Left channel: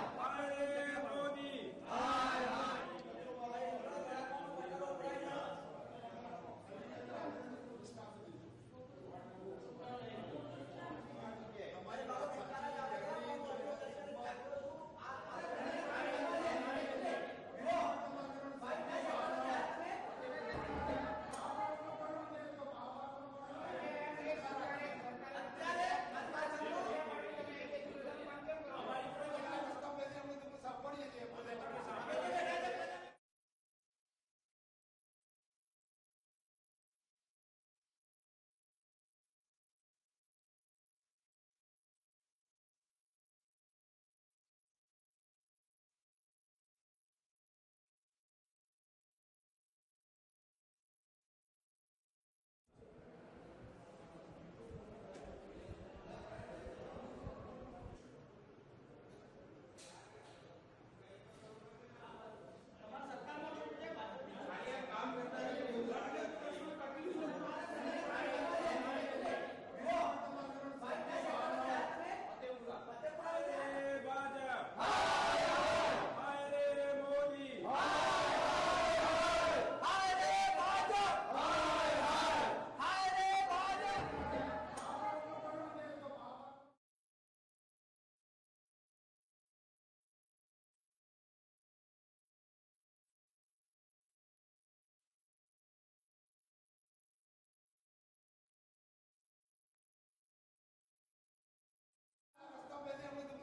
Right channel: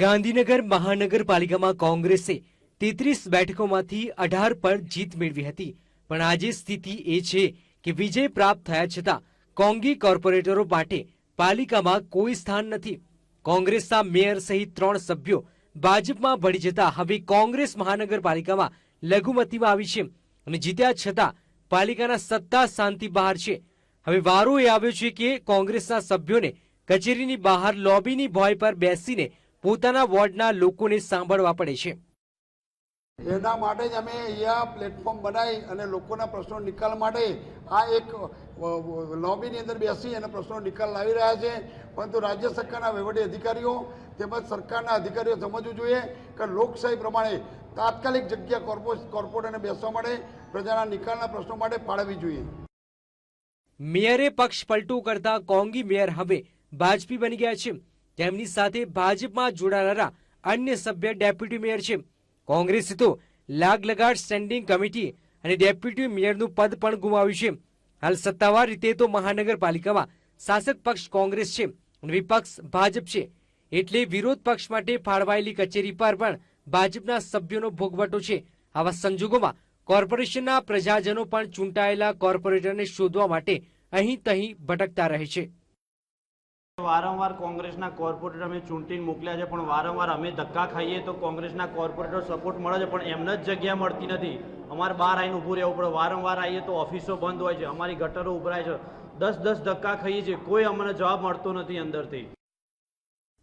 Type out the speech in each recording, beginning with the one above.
ગાંધીનગર મહાનગરપાલિકામાં કોંગ્રેસે તેત્રીસ બેઠકોમાંથી અઢાર પર જીત મેળવી હતી. પણ આજે સ્થિતિ એ છે કે વિજય પ્રાપ્ત થયા છતાં કોંગી કોર્પોરેટરો માટે પાલિકામાં કોઈ સ્થાન નથી. કોંગ્રેસના મેયર સહિત ત્રણ સભ્યો ભાજપમાં ભળી જતા હવે કોંગ્રેસ મહાનગરપાલિકામાં લઘુમતીમાં આવી છે અને જીત્યા છતાં પાલિકાના સત્તા શાંતિ બહાર છે. હવે વારો એ આવ્યો છે કે કોંગ્રેસના સભ્યોને કચેરીની બહાર લોબીની ભોય પર બેસીને પોતાના વોર્ડના લોકોને સાંભળવા પડે છે. એના માટે જ અમે અહીંયા પ્લેટફોર્મ બનાવી અને લોકોના પ્રશ્નો નિકાલ માટે આ એક લોબીની અંદર બેસી અને પ્રશ્નો નિકાલ લાવી રહ્યા છે. પરંતુ રાજ્ય સરકારના વહીવટી અધિકારીઓ તેમજ સરકારના અધિકારીઓ સમજવું જોઈએ કે લોકશાહી પ્રમાણે તાત્કાલિક જગ્યા કોર્પો કોર્પોરેટરને બેસવા માટે પ્રજાના નિકાલના પ્રશ્નો માટે ફાળવવી જોઈએ. મેયરે પક્ષ પલટું કરતા કોંગી મેયર હવે ભાજપી બની ગયા છે. તેમની સાથે ભાજપમાં જોડાનારા અન્ય સભ્ય ડેપ્યુટી મેયર છે. કોંગ્રેસે તો લાગ લગાડ સ્ટેન્ડિંગ કમિટી અને ડેપ્યુટી મેયરનું પદ પણ ગુમાવ્યું છે. હાલ સત્તાવાર રીતે તો મહાનગરપાલિકામાં શાસક પક્ષ કોંગ્રેસ છે અને વિપક્ષ ભાજપ છે. એટલે વિરોધ પક્ષ માટે ફાળવાયેલી કચેરી પર પણ ભાજપના સભ્યોનો ભોગવટો છે. આવા સંજોગોમાં કોર્પોરેશનના પ્રજાજનો પણ ચૂંટાયેલા કોર્પોરેટરને શોધવા માટે અહીં તહીં ભટકતા રહે છે. વારંવાર કોંગ્રેસના કોર્પોરેટર અમે ચૂંટીને મોકલ્યા છે, પણ વારંવાર અમે ધક્કા ખાઈએ તો કોંગ્રેસના કોર્પોરેટર સપોર્ટ મળે છે, પણ એમને જ જગ્યા મળતી નથી. અમારે બહાર આવીને ઊભું રહેવું પડે. વારંવાર આવીએ તો ઓફિસો બંધ હોય છે, અમારી ગટરો ઉભરાય છે. દસ દસ ધક્કા ખાઈએ છીએ, કોઈ અમને જવાબ મળતો નથી અંદરથી.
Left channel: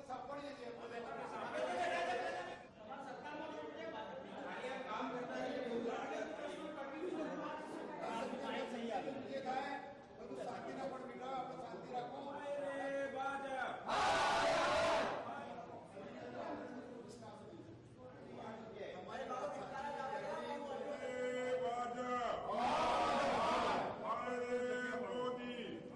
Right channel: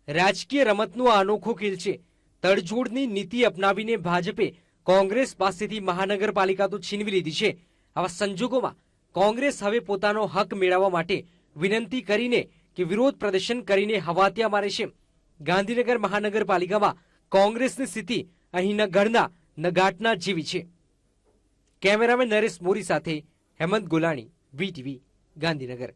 રાજકીય રમતનું આ અનોખો ખેલ છે. તડજોડની નીતિ અપનાવીને ભાજપે કોંગ્રેસ પાસેથી મહાનગરપાલિકા તો છીનવી લીધી છે. આવા સંજોગોમાં કોંગ્રેસ હવે પોતાનો હક મેળવવા માટે વિનંતી કરીને કે વિરોધ પ્રદર્શન કરીને હવાતિયા મારે છે. ગાંધીનગર મહાનગરપાલિકામાં કોંગ્રેસની સ્થિતિ અહીં ન ઘરના ન ગાંઠના જેવી છે. કેમેરામેન નરેશ મોરી સાથે હેમંત ગોલાણી, વીટીવી, ગાંધીનગર.